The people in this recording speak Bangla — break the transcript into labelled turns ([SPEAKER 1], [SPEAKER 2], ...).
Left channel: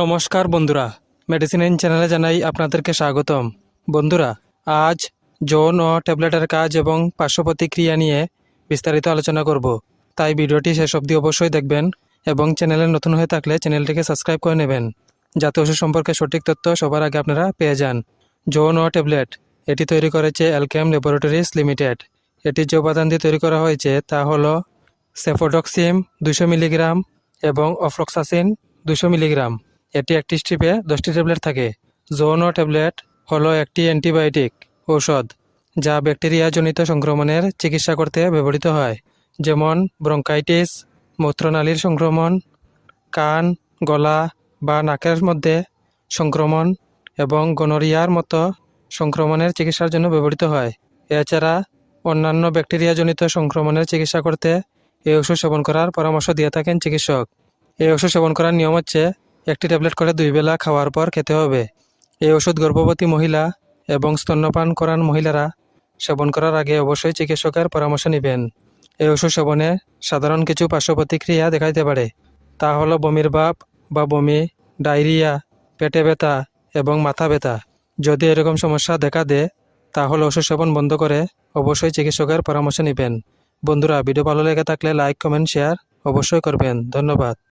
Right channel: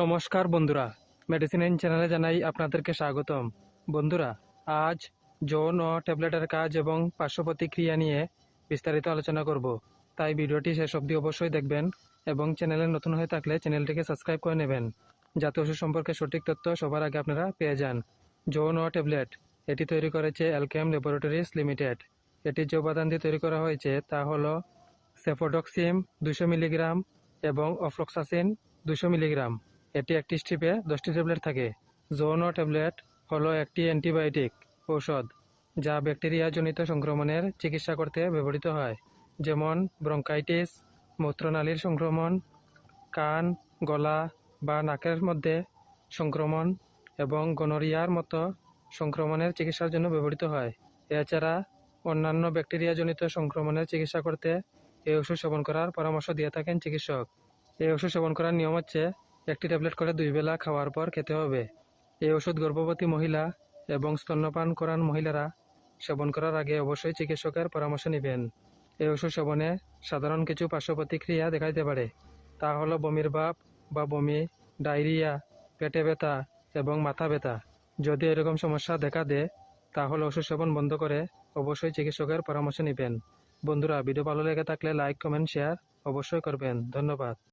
[SPEAKER 1] নমস্কার বন্ধুরা। মেডিসিন ইন চ্যানেলে জানাই আপনাদেরকে স্বাগতম। বন্ধুরা, আজ যৌন ও ট্যাবলেটের কাজ এবং পার্শ্ব প্রতিক্রিয়া নিয়ে বিস্তারিত আলোচনা করব। তাই ভিডিওটি শেষ অবধি অবশ্যই দেখবেন এবং চ্যানেলে নতুন হয়ে থাকলে চ্যানেলটিকে সাবস্ক্রাইব করে নেবেন, যাতে ওষুধ সম্পর্কে সঠিক তথ্য সবার আগে আপনারা পেয়ে যান। যৌন ও ট্যাবলেট, এটি তৈরি করেছে অ্যালকেম ল্যাবরেটরিজ লিমিটেড এটি যে উপাদান দিয়ে তৈরি করা হয়েছে তা হলো সেফোডক্সিম দুশো মিলিগ্রাম এবং অফ্লক্সাসিন দুশো মিলিগ্রাম। এটি একটি স্ট্রিপে দশটি ট্যাবলেট থাকে। জোনো ট্যাবলেট হলো একটি অ্যান্টিবায়োটিক ঔষধ যা ব্যাকটেরিয়াজনিত সংক্রমণের চিকিৎসা করতে ব্যবহৃত হয়, যেমন ব্রঙ্কাইটিস, মূত্রনালীর সংক্রমণ, কান, গলা বা নাকের মধ্যে সংক্রমণ এবং গনোরিয়ার মতো সংক্রমণের চিকিৎসার জন্য ব্যবহৃত হয়। এছাড়া অন্যান্য ব্যাকটেরিয়াজনিত সংক্রমণের চিকিৎসা করতে এই ওষুধ সেবন করার পরামর্শ দিয়ে থাকেন চিকিৎসক। এই ওষুধ সেবন করার নিয়ম হচ্ছে একটি ট্যাবলেট করে দুই বেলা খাওয়ার পর খেতে হবে। এই ওষুধ গর্ভবতী মহিলা এবং স্তন্যপান করান মহিলারা সেবন করার আগে অবশ্যই চিকিৎসকের পরামর্শ নেবেন। এই ওষুধ সেবনে সাধারণ কিছু পার্শ্ব প্রতিক্রিয়া দেখাইতে পারে। তা হলো বমির ভাব বা বমি, ডায়রিয়া, পেটে ব্যথা এবং মাথা ব্যথা। যদি এরকম সমস্যা দেখা দেয়, তাহলে ওষুধ সেবন বন্ধ করে অবশ্যই চিকিৎসকের পরামর্শ নেবেন। বন্ধুরা, ভিডিও ভালো লেগে থাকলে লাইক, কমেন্ট, শেয়ার অবশ্যই করবেন। ধন্যবাদ।